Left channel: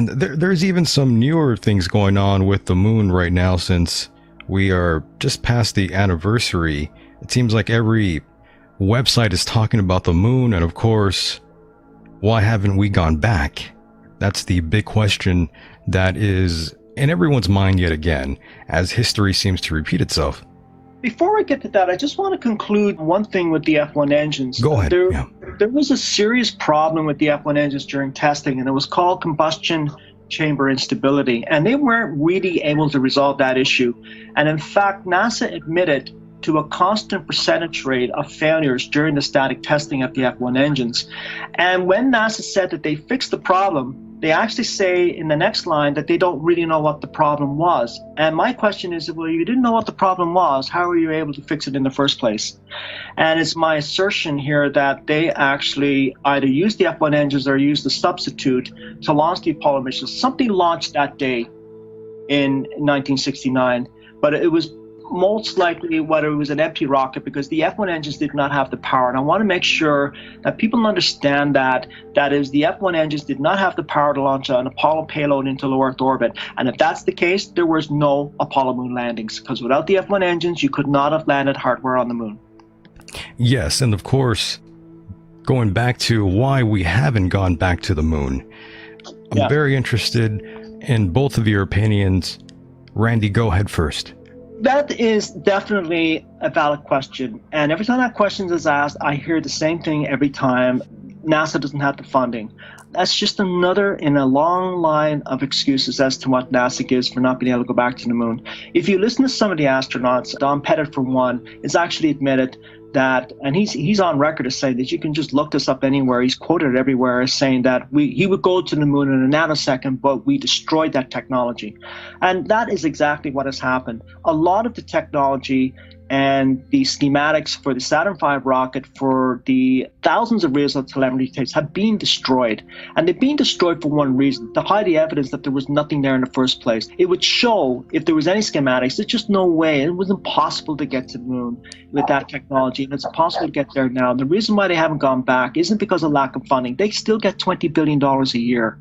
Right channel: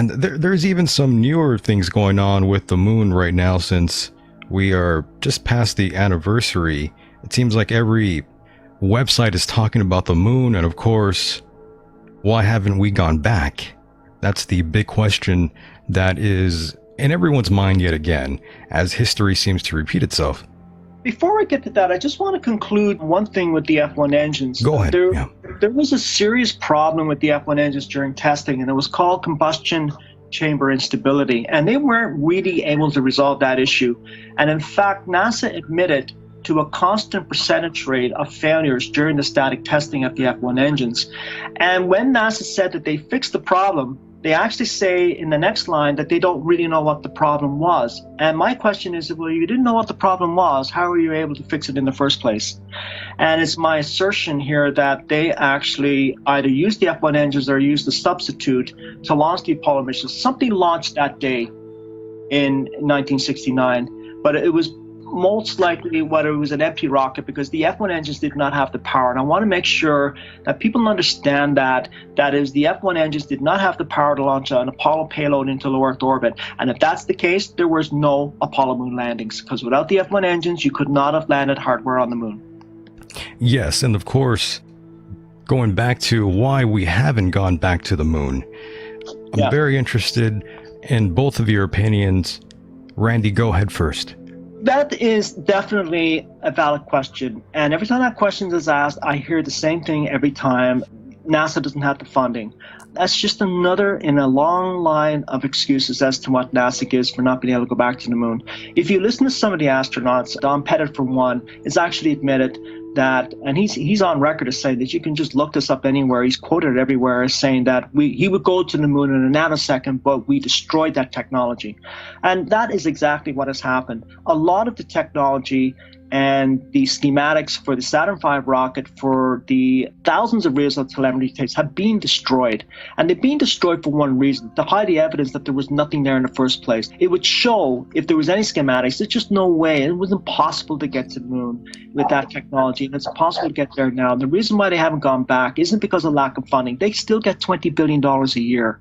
And there's even some newer things going on with the moon right now since we are just past the anniversary. It seems like every website is talking about the moon, and of course, why haven't we gone back? That's the big question that is in everyone's mind yet again, as history seems to repeat itself. Before I get to that, I just want to conclude one thing with the F1 engines. Go ahead. There, Yeah. there was a serious problem with the F1 engines during testing, and it was called combustion chamber instability. And they weren't really able to resolve that issue. And in fact, NASA admitted to a constant percentage rate of failures during the static testing of the F1 engines. And when NASA said that they fixed the problem, they actually say in the next line that they don't really know what the problem was. And my question is, well, you didn't know what the problem was, how were you able to fix it in the first place? And it's my assertion here that they actually either used the F1 engines or used the substitute to launch the Apollo mission. Something launched that day in 1969, but it was most likely whether it was an empty rocket, because the F1 engines did not have the power. And I want to make sure that people understand that is, the F1 engines did not have the power to launch an Apollo payload into low Earth orbit. And if that's the case, there was no Apollo moon landings, because without the F1 engines, you could not have landed hardware on the moon. Yes, and of course, going back to why we haven't gone back to the moon, I'm very interested in both of your opinions. Randy, go ahead first. That is definitely a valid question. And every time that question is asked, I hear the same thing every time. NASA doesn't have the funding. That's just another in a long line of excuses as to what NASA gives for not being able to go back to the moon. If you listen to some of the astronauts, Don Pettit, for one, is actually admitted that, and he's on record as saying that you can just look this up anywhere. He's quoted everywhere as saying that he would go to the moon in a nanosecond, but we destroyed that technology. And that is exactly what has happened. A lot of the technology and the schematics for the Saturn V rocket, for the thousands of reels of telemetry tapes, have been destroyed. And they've been destroyed for one reason: to hide the evidence that there was nothing there in the first place. It would show if there was any schematics. There's just no way. It was impossible to get to the moon with that technology. And it's impossible to get there now. The reason why they haven't gone back isn't because of lack of funding. They still get $20 billion a year.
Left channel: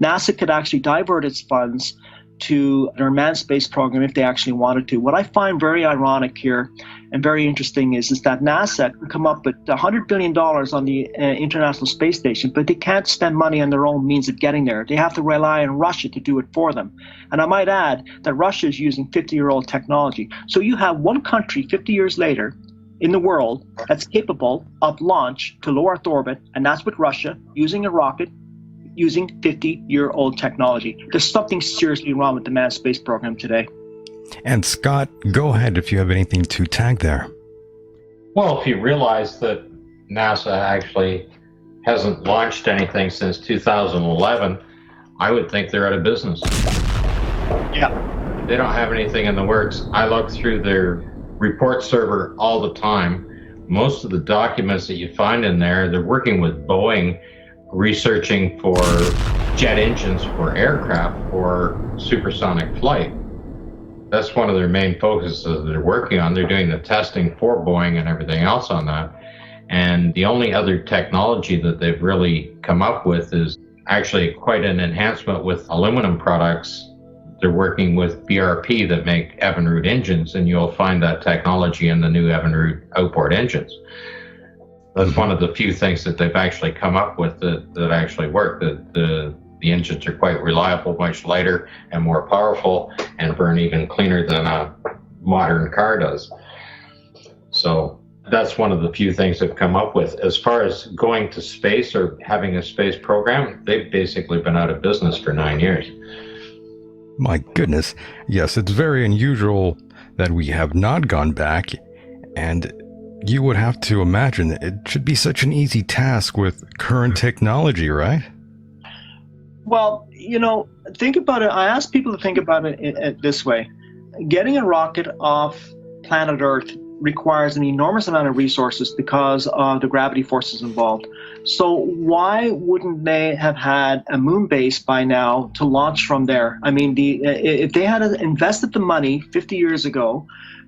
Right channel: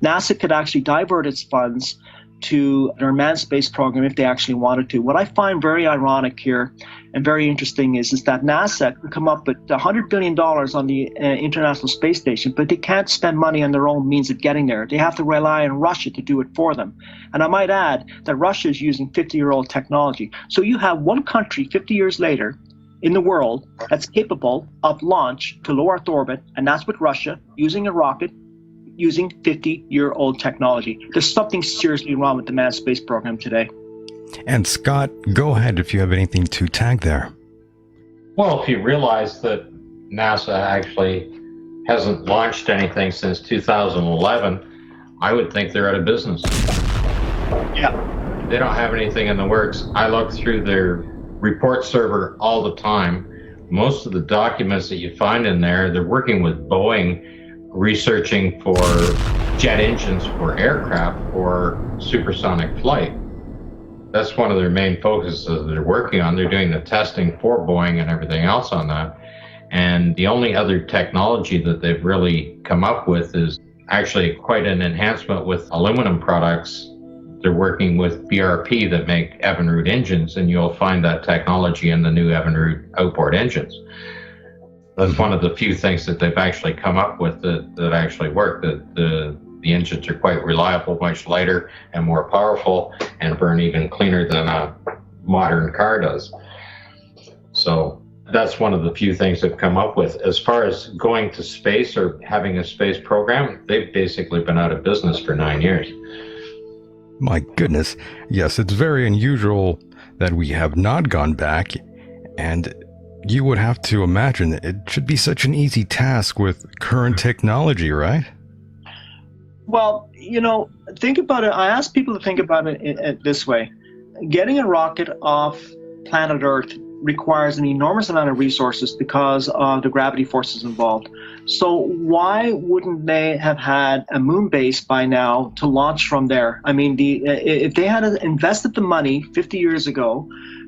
NASA could actually divert its funds to their manned space program if they actually wanted to. What I find very ironic here and very interesting is that NASA can come up with $100 billion on the International Space Station, but they can't spend money on their own means of getting there. They have to rely on Russia to do it for them. And I might add that Russia is using 50-year-old technology. So you have one country 50 years later in the world that's capable of launch to low Earth orbit, and that's with Russia using a rocket using 50-year-old technology. There's something seriously wrong with the manned space program today. And Scott, go ahead if you have anything to tag there. Well, if you realize that NASA actually hasn't launched anything since 2011, I would think they're out of business. Yeah. They don't have anything in the works. I look through their report server all the time. Most of the documents that you find in there, they're working with Boeing, researching for jet engines for aircraft for supersonic flight. That's one of their main focuses that they're working on. They're doing the testing for Boeing and everything else on that. And the only other technology that they've really come up with is actually quite an enhancement with aluminum products. They're working with BRP that make Evinrude engines, and you'll find that technology in the new Evinrude outboard engines. That's one of the few things that they've actually come up with that actually work. That the engines are quite reliable, much lighter and more powerful, and burn even cleaner than a modern car does. So that's one of the few things they've come up with. As far as going to space or having a space program, they've basically been out of business for 9 years. My goodness. Yes, it's very unusual that we have not gone back, and you would have to imagine it should be such an easy task with current technology, right? Well, think about it. I ask people to think about it this way. Getting a rocket off planet Earth requires an enormous amount of resources because of the gravity forces involved. So why wouldn't they have had a moon base by now to launch from there? I mean, if they had invested the money 50 years ago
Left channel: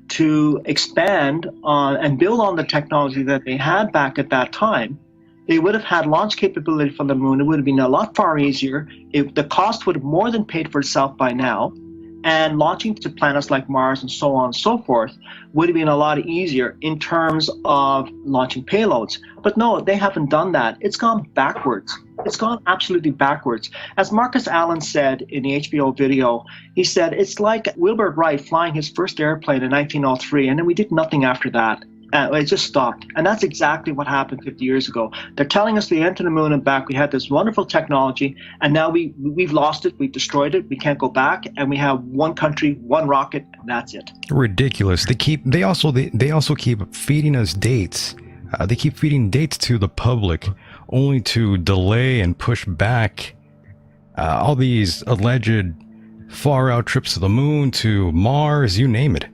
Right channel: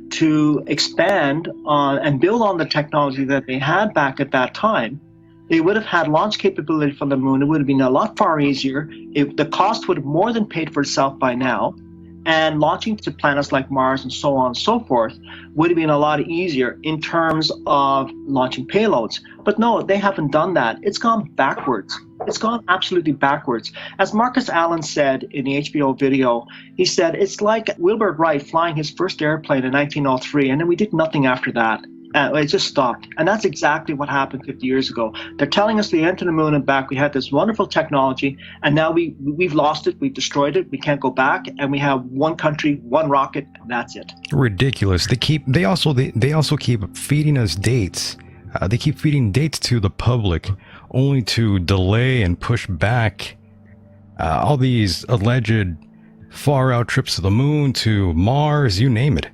to expand on and build on the technology that they had back at that time, They would have had launch capability from the moon. It would have been a lot far easier. The cost would have more than paid for itself by now. And launching to planets like Mars and so on and so forth would have been a lot easier in terms of launching payloads. But no, they haven't done that. It's gone backwards. It's gone absolutely backwards. As Marcus Allen said in the HBO video, he said, it's like Wilbur Wright flying his first airplane in 1903, and then we did nothing after that. It just stopped. And that's exactly what happened 50 years ago. They're telling us the end to the moon and back. We had this wonderful technology, and now we've lost it. We've destroyed it. We can't go back. And we have one country, one rocket, and that's it. Ridiculous. They also keep feeding us dates. They keep feeding dates to the public, only to delay and push back all these alleged far out trips to the moon, to Mars, you name it.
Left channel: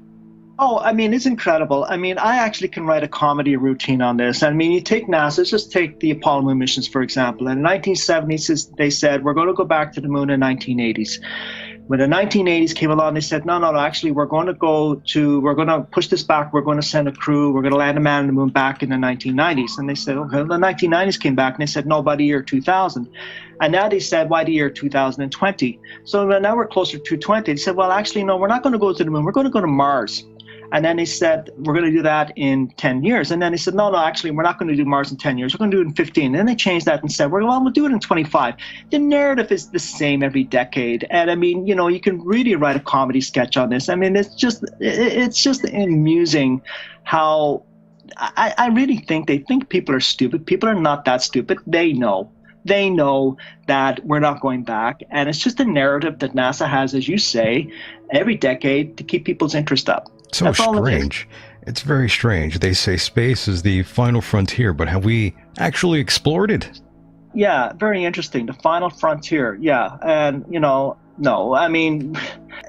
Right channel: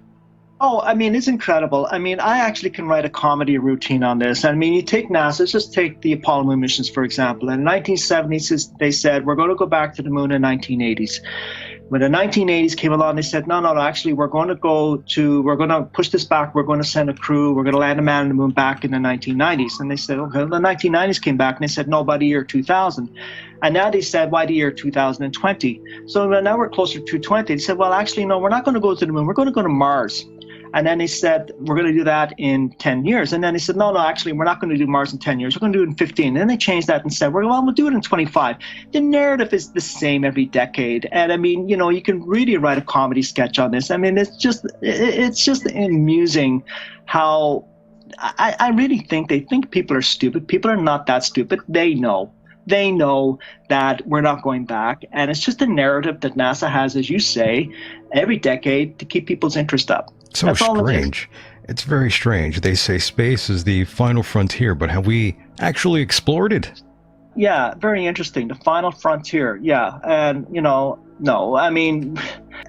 Oh, I mean, it's incredible. I mean, I actually can write a comedy routine on this. I mean, you take NASA, let's just take the Apollo moon missions, for example. In the 1970s, they said, we're going to go back to the moon in the 1980s. When the 1980s came along, they said, no, actually, we're going to push this back. We're going to send a crew. We're going to land a man on the moon back in the 1990s. And they said, okay, the 1990s came back, and they said, no, by the year 2000. And now they said, why the year 2020? So now we're closer to 2020. They said, well, actually, no, we're not going to go to the moon. We're going to go to Mars. And then he said, we're going to do that in 10 years. And then he said, no, actually, we're not going to do Mars in 10 years. We're going to do it in 15. And then they changed that and said, well, we'll do it in 25. The narrative is the same every decade. And I mean, you know, you can really write a comedy sketch on this. I mean, it's just amusing how I really think they think people are stupid. People are not that stupid. They know. They know that we're not going back. And it's just a narrative that NASA has, as you say, every decade to keep people's interest up. So That's all it is. strange. It's very strange. They say space is the final frontier, but have we actually explored it? Yeah, very interesting. The final frontier. Yeah. And, you know, no, I mean,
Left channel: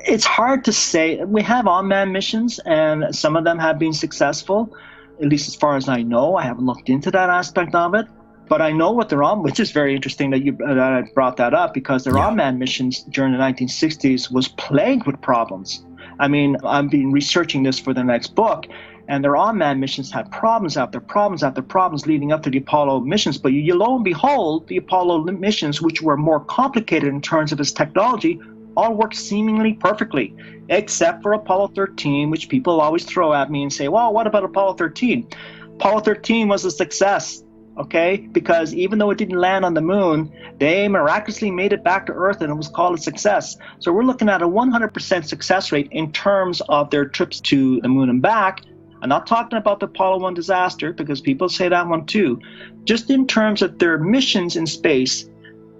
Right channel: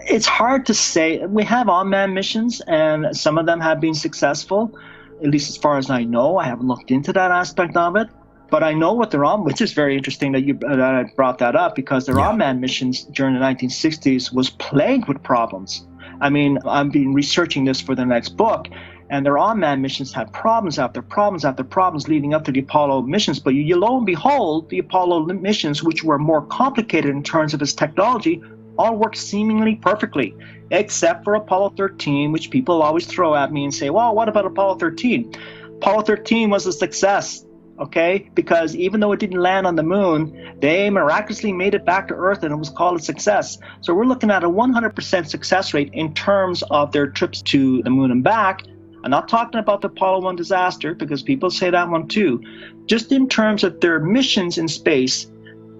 it's hard to say. We have unmanned missions, and some of them have been successful, at least as far as I know. I haven't looked into that aspect of it. But I know what they're on, which is very interesting that you brought that up, because their unmanned missions during the 1960s was plagued with problems. I mean, I've been researching this for the next book, and their unmanned missions had problems after problems after problems leading up to the Apollo missions. But you lo and behold, the Apollo missions, which were more complicated in terms of its technology, all worked seemingly perfectly, except for Apollo 13, which people always throw at me and say, well, what about Apollo 13? Apollo 13 was a success. Okay, because even though it didn't land on the moon, they miraculously made it back to Earth, and it was called a success. So we're looking at a 100% success rate in terms of their trips to the moon and back. I'm not talking about the Apollo 1 disaster, because people say that one too. Just in terms of their missions in space,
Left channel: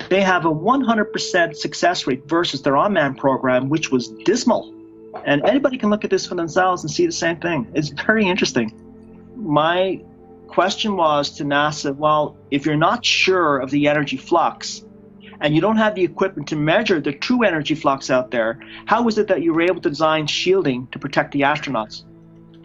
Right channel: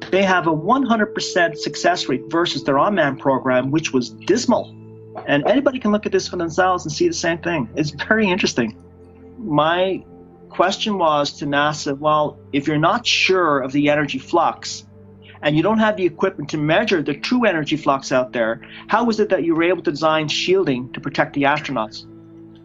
they have a 100% success rate versus their unmanned program, which was dismal. And anybody can look at this for themselves and see the same thing. It's very interesting. My question was to NASA, well, if you're not sure of the energy flux and you don't have the equipment to measure the true energy flux out there, how is it that you were able to design shielding to protect the astronauts?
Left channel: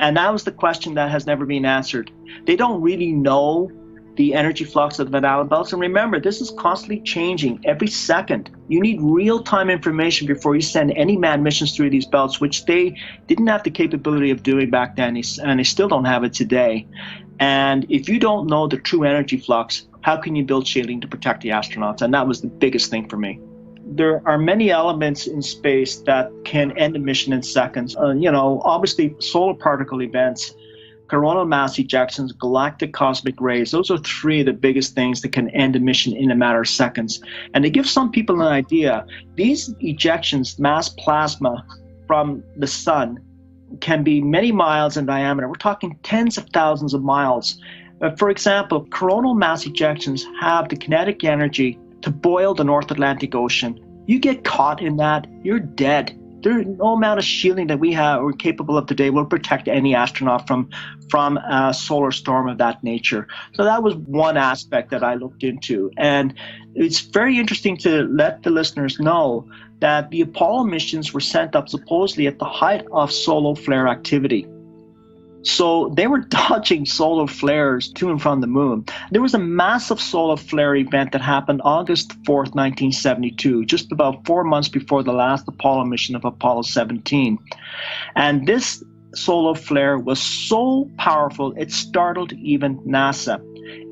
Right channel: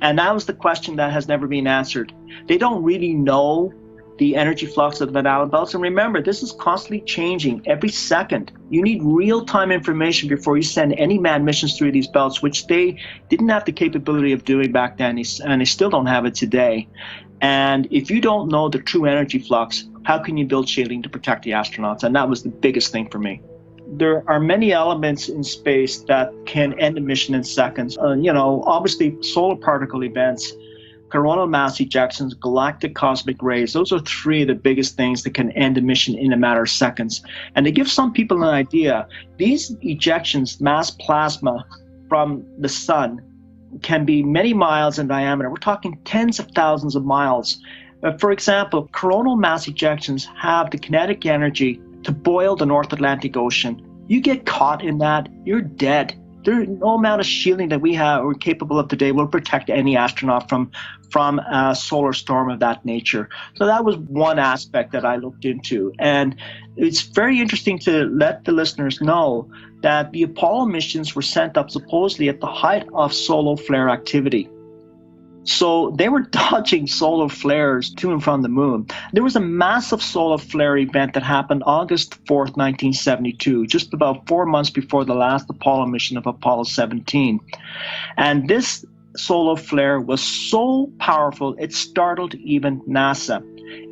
And that was the question that has never been answered. They don't really know the energy flux of the Van Allen belts. And remember, this is constantly changing every second. You need real-time information before you send any manned missions through these belts, which they didn't have the capability of doing back then, and they still don't have it today. And if you don't know the true energy flux, how can you build shielding to protect the astronauts? And that was the biggest thing for me. There are many elements in space that can end a mission in seconds. You know, obviously solar particle events, coronal mass ejections, galactic cosmic rays. Those are three of the biggest things that can end a mission in a matter of seconds. And to give some people an idea, these ejections, mass plasma from the sun, can be many miles in diameter. We're talking tens of thousands of miles. For example, coronal mass ejections have the kinetic energy to boil the North Atlantic Ocean. You get caught in that, you're dead. There's no amount of shielding that we're capable of today will protect any astronaut from a solar storm of that nature. So that was one aspect that I looked into. And it's very interesting to let the listeners know that the Apollo missions were sent up supposedly at the height of solar flare activity. So they were dodging solar flares to and from the moon. There was a massive solar flare event that happened August 4th, 1972, just about 4 months before the last Apollo mission of Apollo 17. And this solar flare was so powerful, it startled even NASA.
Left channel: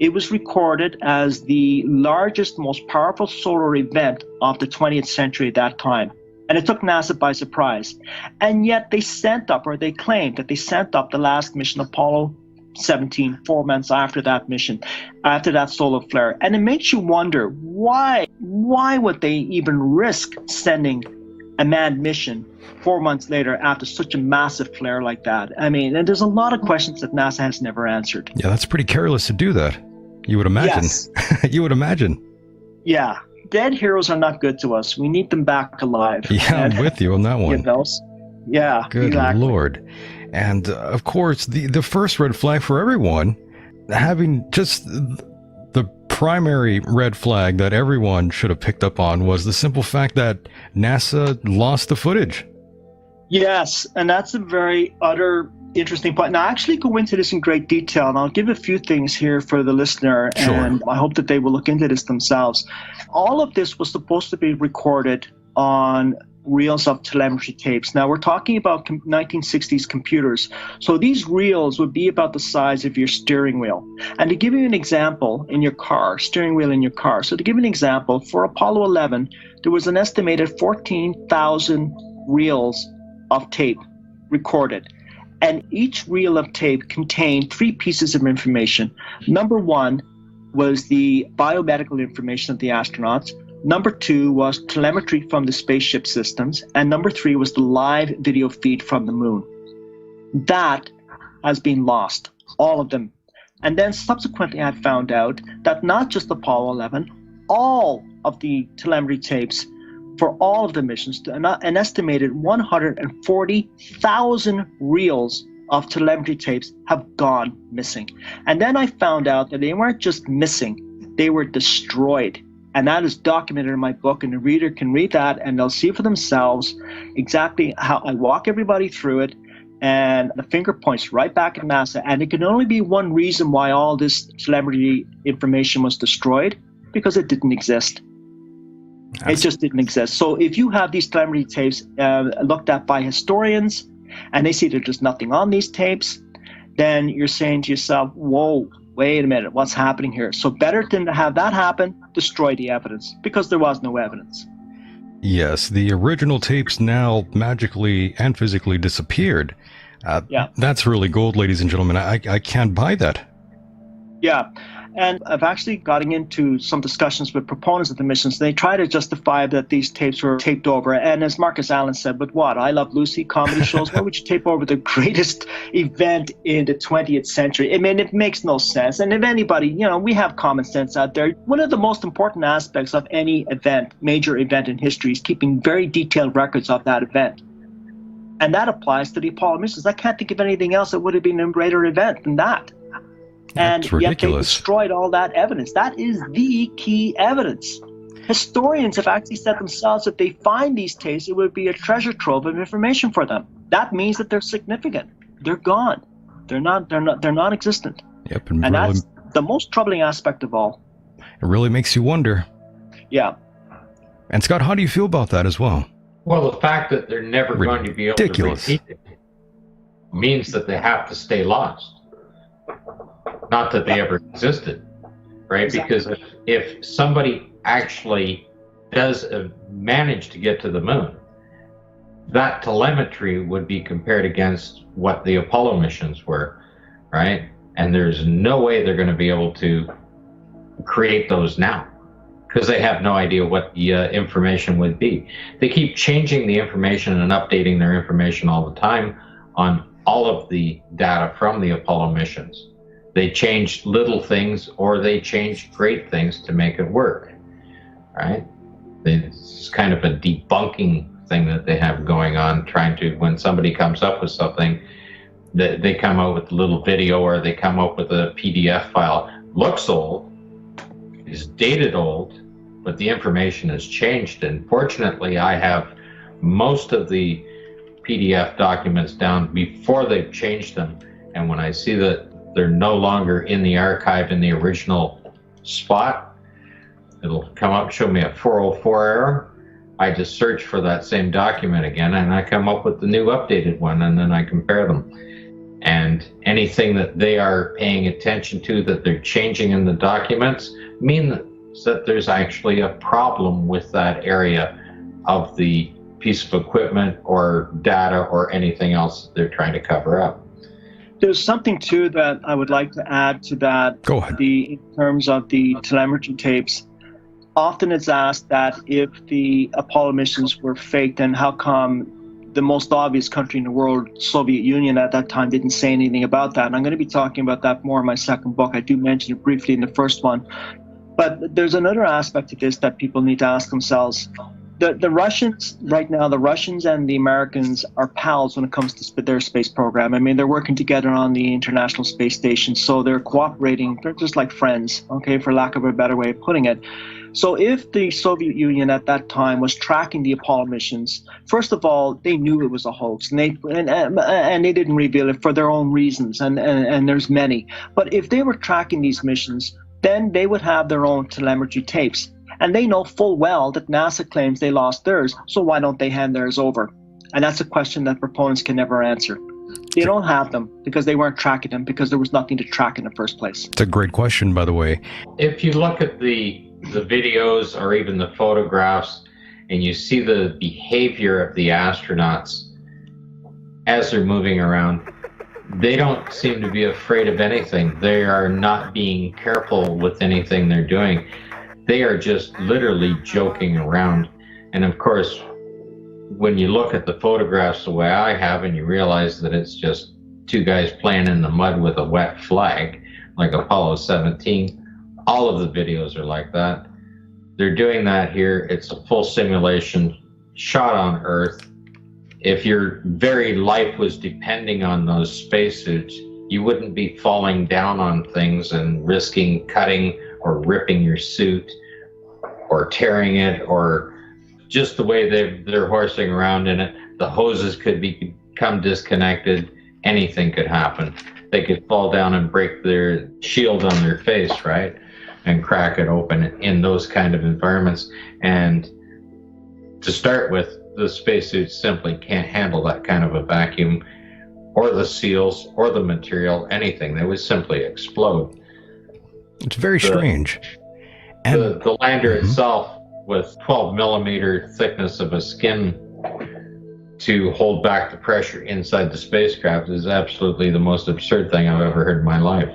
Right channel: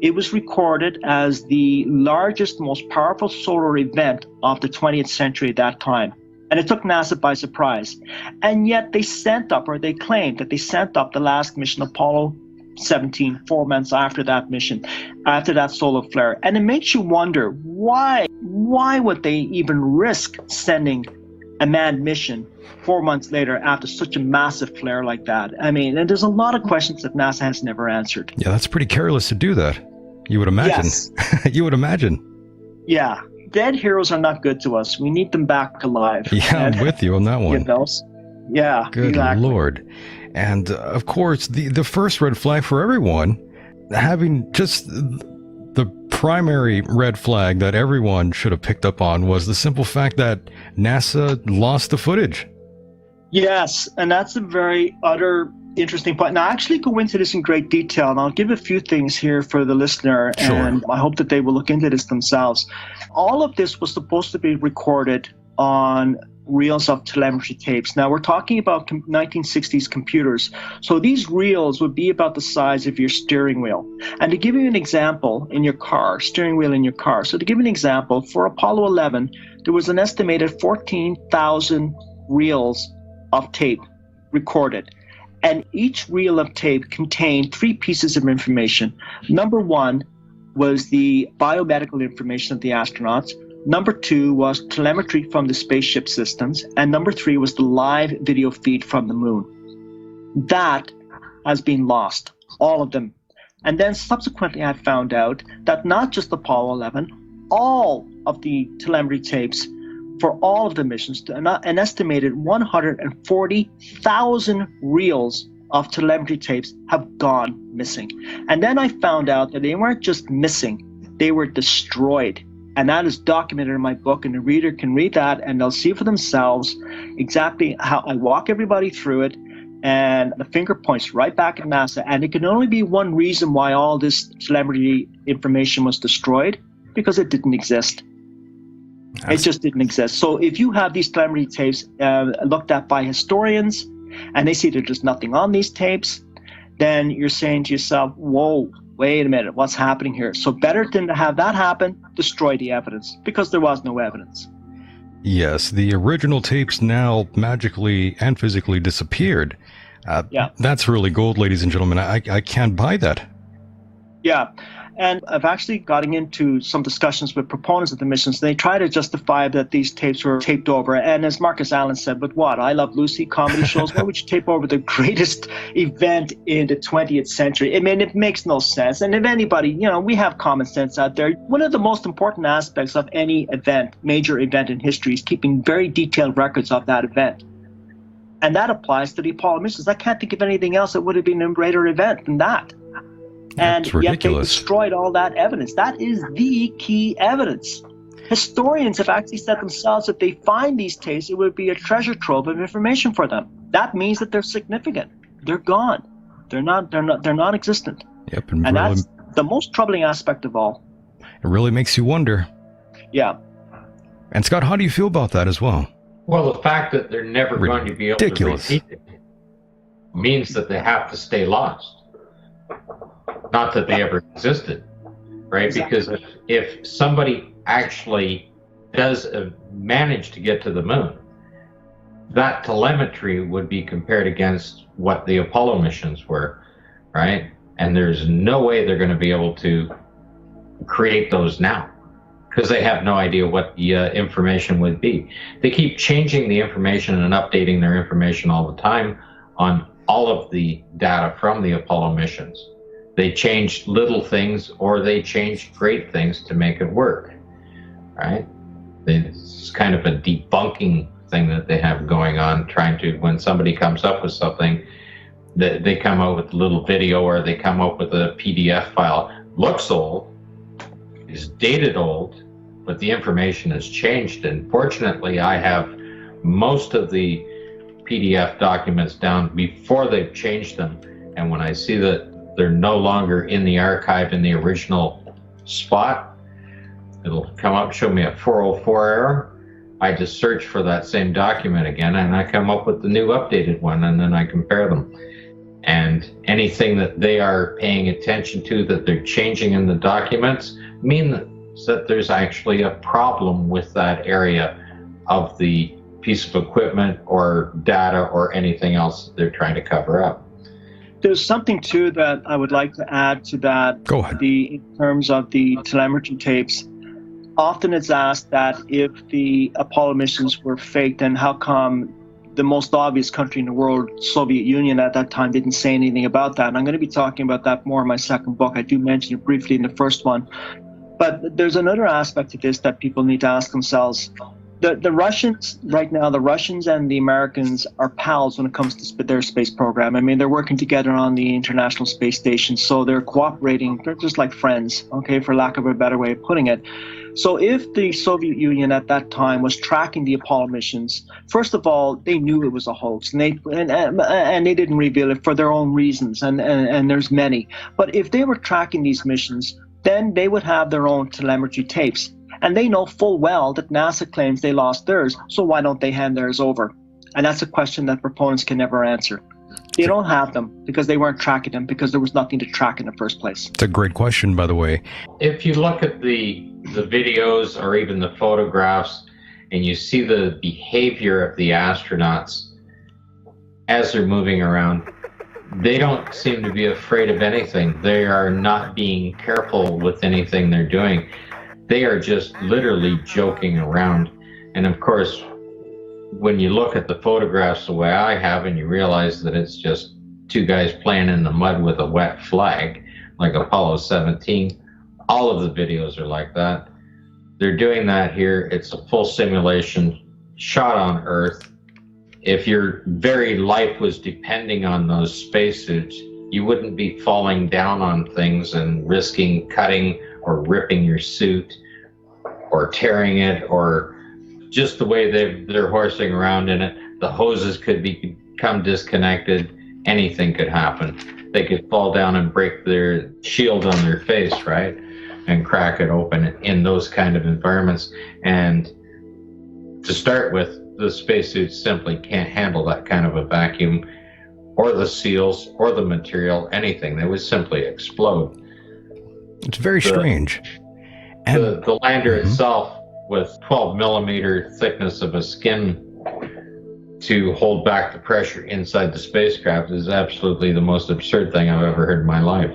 It was recorded as the largest, most powerful solar event of the 20th century at that time. And it took NASA by surprise. And yet they sent up, or they claimed that they sent up the last mission, Apollo 17, 4 months after that mission, after that solar flare. And it makes you wonder, why would they even risk sending a manned mission 4 months later after such a massive flare like that? I mean, and there's a lot of questions that NASA has never answered. Yeah, that's pretty careless to do that. You would imagine. Yes. You would imagine. Yeah. Dead heroes are not good to us. We need them back alive. Yeah, I'm with you on that one. You know? Yeah. Good exactly. Lord. And of course, the first red flag for everyone, having just the primary red flag that everyone should have picked up on, was the simple fact that NASA lost the footage. Yes, and that's a very interesting point. Now, I actually go into this in great detail, and I'll give a few things here for the listener, Sure. and I hope that they will look into this themselves. All of this was supposed to be recorded on reels of telemetry tapes. Now, we're talking about 1960s computers, so these reels would be about the size of your steering wheel. And to give you an example, in your car, steering wheel in your car, so to give an example, for Apollo 11, there was an estimated 14,000 reels of tape recorded. And each reel of tape contained 3 pieces of information. Number 1 was the biomedical information of the astronauts. Number 2 was telemetry from the spaceship systems. And number 3 was the live video feed from the moon. That has been lost, all of them. And then subsequently I found out that not just Apollo 11, all of the telemetry tapes for all of the missions, an estimated 140,000 reels of telemetry tapes have gone missing. And then I found out that they weren't just missing, they were destroyed. And that is documented in my book, and the reader can read that and they'll see for themselves exactly how I walk everybody through it. And the finger points right back at NASA. And it can only be one reason why all this telemetry information was destroyed, because it didn't exist. It just didn't exist. So if you have these telemetry tapes looked at by historians, and they see that there's nothing on these tapes, then you're saying to yourself, whoa, wait a minute, what's happening here? So better than to have that happen, destroy the evidence, because there was no evidence. Yes, the original tapes now magically and physically disappeared. Yeah. That's really gold, ladies and gentlemen. I can't buy that. Yeah. And I've actually gotten into some discussions with proponents of the missions. They try to justify that these tapes were taped over. And as Marcus Allen said, but what? I Love Lucy comedy shows. Why would you tape over the greatest event in the 20th century? I mean, it makes no sense. And if anybody, we have common sense out there. One of the most important aspects of any event, major event in history, is keeping very detailed records of that event. And that applies to the Apollo missions. I can't think of anything else that would have been a greater event than that. And That's yet they ridiculous. destroyed all that evidence. That is the key evidence. Historians have actually said themselves if they find these tapes, it would be a treasure trove of information for them. That means that they're significant. They're gone. They're non-existent. Yep, And that's the most troubling aspect of all. it really makes you wonder. Yeah. And Scott, how do you feel about that as well? Well, the fact that they're never going to be able Ridiculous. to repeat it means that they have to stay lost. Not that they ever existed, right? Exactly. Because if somebody actually does manage to get to the moon, that telemetry would be compared against what the Apollo missions were, right? And there's no way they're going to be able to create those now, because they have no idea what the information would be. They keep changing the information and updating their information all the time on all of the data from the Apollo missions. They changed little things or they changed great things to make it work, right? It's kind of a debunking thing that they have going on, trying to, when somebody comes up with something, they come up with a little video or they come up with a PDF file. Looks old, is dated old, but the information has changed. And fortunately, I have most of the PDF documents down before they've changed them. And when I see that they're no longer in the archive in the original spot, it'll come up, show me a 404 error. I just search for that same document again and I come up with the new updated one, and then I compare them. And anything that they are paying attention to that they're changing in the documents means that there's actually a problem with that area of the piece of equipment or data or anything else that they're trying to cover up. There's something too that I would like to add to that. Go ahead. In terms of the telemetry tapes, often it's asked that if the Apollo missions were fake, then how come the most obvious country in the world, Soviet Union at that time, didn't say anything about that? And I'm going to be talking about that more in my second book. I do mention it briefly in the first one. But there's another aspect to this that people need to ask themselves. The Russians, right now, the Russians and the Americans are pals when it comes to their space program. I mean, they're working together on the International Space Station, so they're cooperating. They're just like friends, okay, for lack of a better way of putting it. So if the Soviet Union at that time was tracking the Apollo missions, first of all, they knew it was a hoax, and they didn't reveal it for their own reasons, and there's many. But if they were tracking these missions, then they would have their own telemetry tapes. And they know full well that NASA claims they lost theirs, so why don't they hand theirs over? And that's a question that proponents can never answer. They don't have them because they weren't tracking them, because there was nothing to track in the first place. It's a great question, by the way. If you look at the videos or even the photographs and you see the behavior of the astronauts as they're moving around, they don't seem to be afraid of anything. They are not being careful with anything they're doing. They are just literally joking around. And of course, when you look at the photographs the way I have and you realize that it's just two guys playing in the mud with a wet flag, like Apollo 17, all of the videos are like that. They're doing that here. It's a full simulation shot on Earth. If your very life was depending on those spacesuits, you wouldn't be falling down on things and risking cutting or ripping your suit or tearing it, or just the way they're horsing around in it. The hoses could become disconnected. Anything could happen. They could fall down and break their shield on their face, right? And crack it open in those kind of environments. And to start with, the spacesuits simply can't handle that kind of a vacuum, or the seals, or the material, anything. They would simply explode. It's very strange. And The lander itself, with 12 millimeter thickness of a skin to hold back the pressure inside the spacecraft, is absolutely the most absurd thing I've ever heard in my life.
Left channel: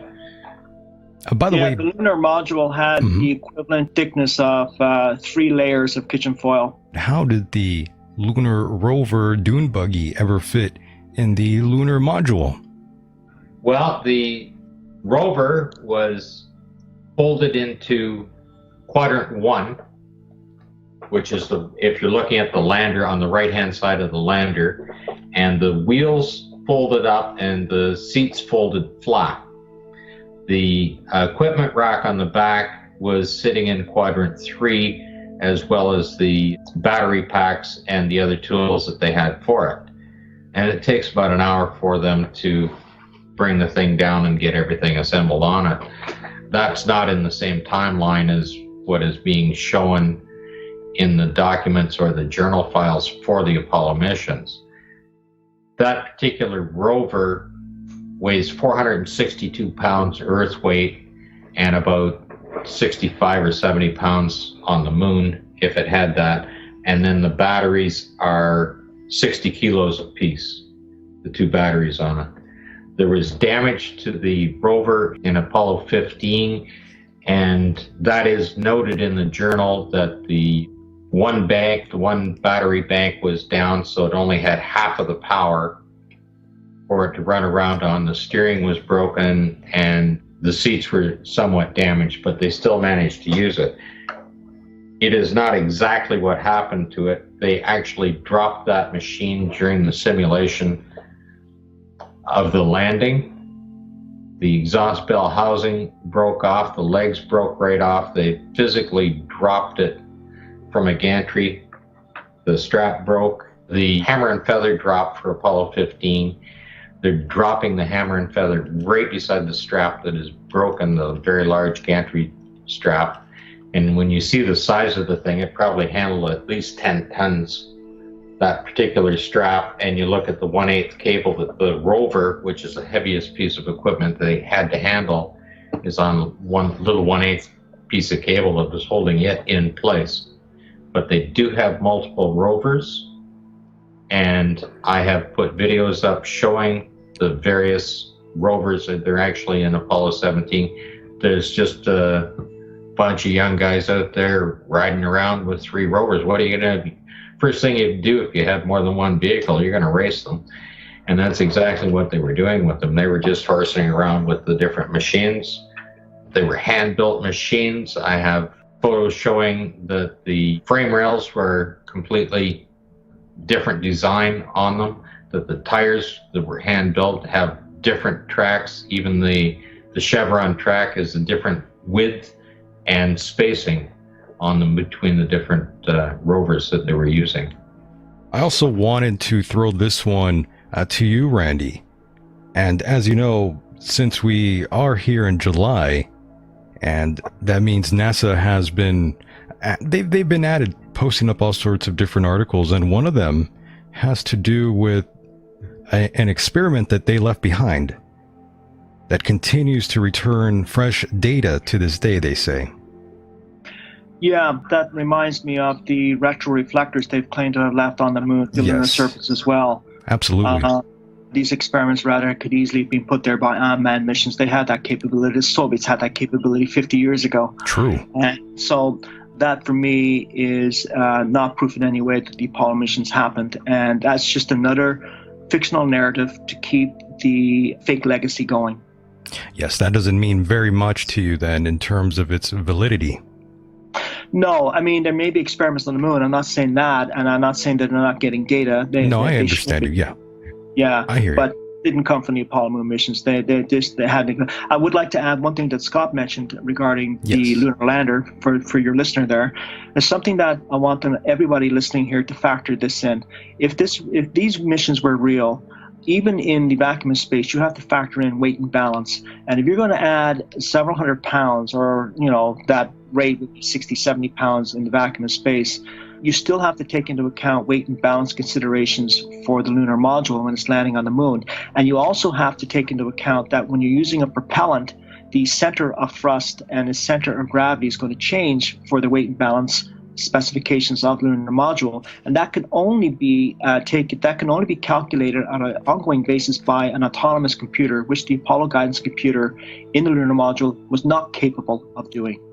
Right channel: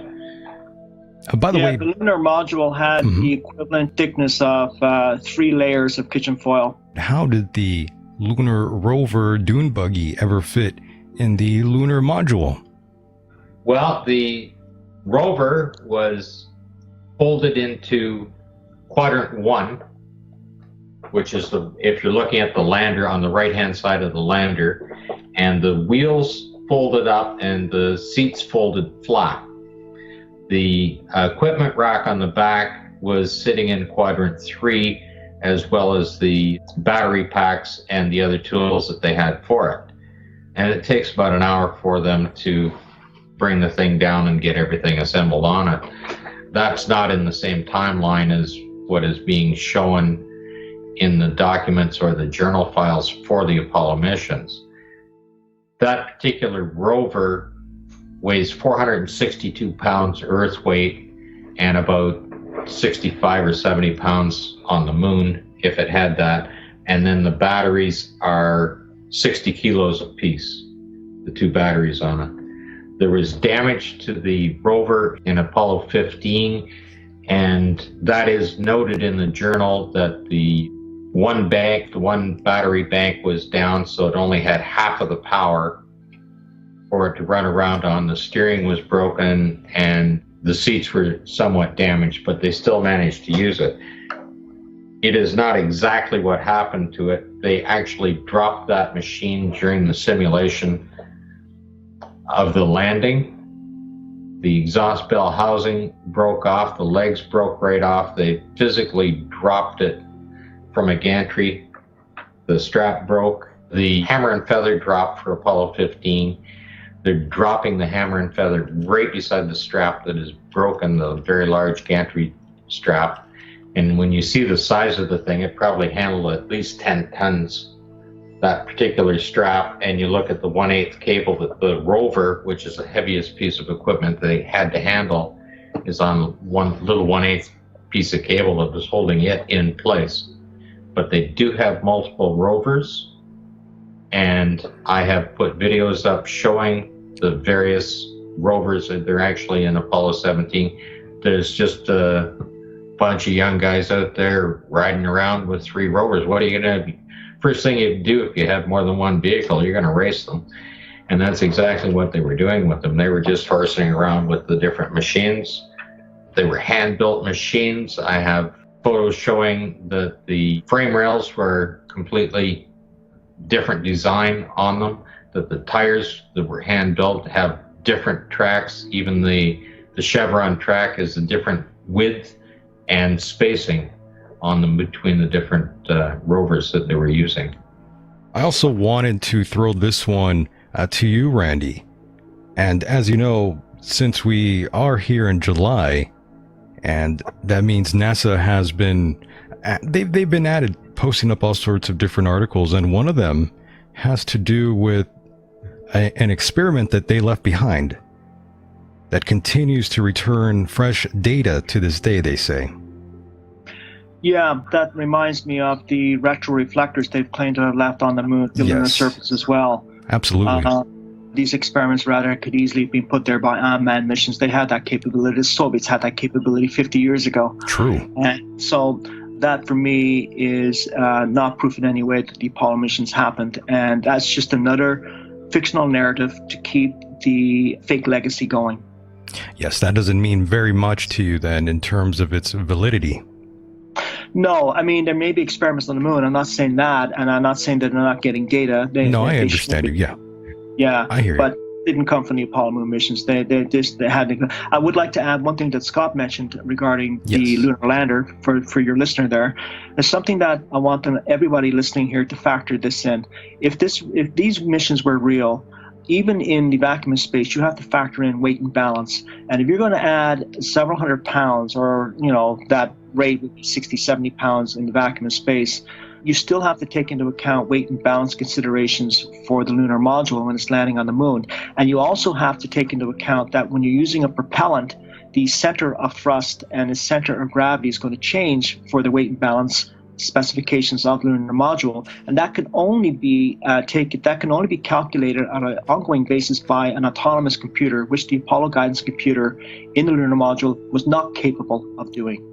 by the way, the lunar module had the equivalent thickness of 3 layers of kitchen foil. how did the lunar rover dune buggy ever fit in the lunar module? Well, the rover was folded into quadrant 1, which is if you're looking at the lander on the right-hand side of the lander, and the wheels folded up and the seats folded flat. The equipment rack on the back was sitting in quadrant 3, as well as the battery packs and the other tools that they had for it. And it takes about an hour for them to bring the thing down and get everything assembled on it. That's not in the same timeline as what is being shown in the documents or the journal files for the Apollo missions. That particular rover weighs 462 pounds Earth weight and about 65 or 70 pounds on the moon, if it had that. And then the batteries are 60 kilos apiece, the 2 batteries on it. There was damage to the rover in Apollo 15, and that is noted in the journal that the one battery bank was down, so it only had half of the power for it to run around on. The steering was broken and the seats were somewhat damaged, but they still managed to use it. It is not exactly what happened to it. They actually dropped that machine during the simulation of the landing. The exhaust bell housing broke off, the legs broke right off. They physically dropped it from a gantry. The strap broke. The hammer and feather dropped for Apollo 15. They're dropping the hammer and feather right beside the strap that is broken, the very large gantry strap. And when you see the size of the thing, it probably handled at least 10 tons that particular strap and you look at the 1/8 cable that the rover, which is the heaviest piece of equipment they had to handle, is on one little 1/8 piece of cable that was holding it in place. But they do have multiple rovers, and I have put videos up showing the various rovers that they're actually in Apollo 17. There's just a bunch of young guys out there riding around with 3 rovers. What are you going to, first thing you do if you have more than one vehicle, you're going to race them. And that's exactly what they were doing with them. They were just horsing around with the different machines. They were hand-built machines. I have photos showing that the frame rails were completely different design on them, that the tires that were hand-built have different tracks. Even the chevron track is a different width and spacing on them between the different rovers that they were using. I also wanted to throw this one to you, Randy. And as you know, since we are here in July, and that means NASA has been, they've been at it, posting up all sorts of different articles, and one of them has to do with an experiment that they left behind that continues to return fresh data to this day, they say. Yeah, that reminds me of the retroreflectors they've claimed to have left on the moon, the lunar surface as well. Absolutely. These experiments rather could easily be put there by unmanned missions. They had that capability. The Soviets had that capability 50 years ago. True. And so that for me is not proof in any way that the Apollo missions happened. And that's just another fictional narrative to keep the fake legacy going. Yes, that doesn't mean very much to you then in terms of its validity. No, I mean, there may be experiments on the moon. I'm not saying that, and I'm not saying that they're not getting data. I understand you, yeah. Yeah, I hear but didn't come from the Apollo moon missions. They had. I would like to add one thing that Scott mentioned regarding the lunar lander for your listener there. There's something that I want everybody listening here to factor this in. If these missions were real, even in the vacuum of space, you have to factor in weight and balance. And if you're going to add several hundred pounds, or that rate would be 60, 70 pounds in the vacuum of space, you still have to take into account weight and balance considerations for the lunar module when it's landing on the moon. And you also have to take into account that when you're using a propellant, the center of thrust and the center of gravity is going to change for the weight and balance specifications of the lunar module, and that can only be calculated on an ongoing basis by an autonomous computer, which the Apollo guidance computer in the lunar module was not capable of doing.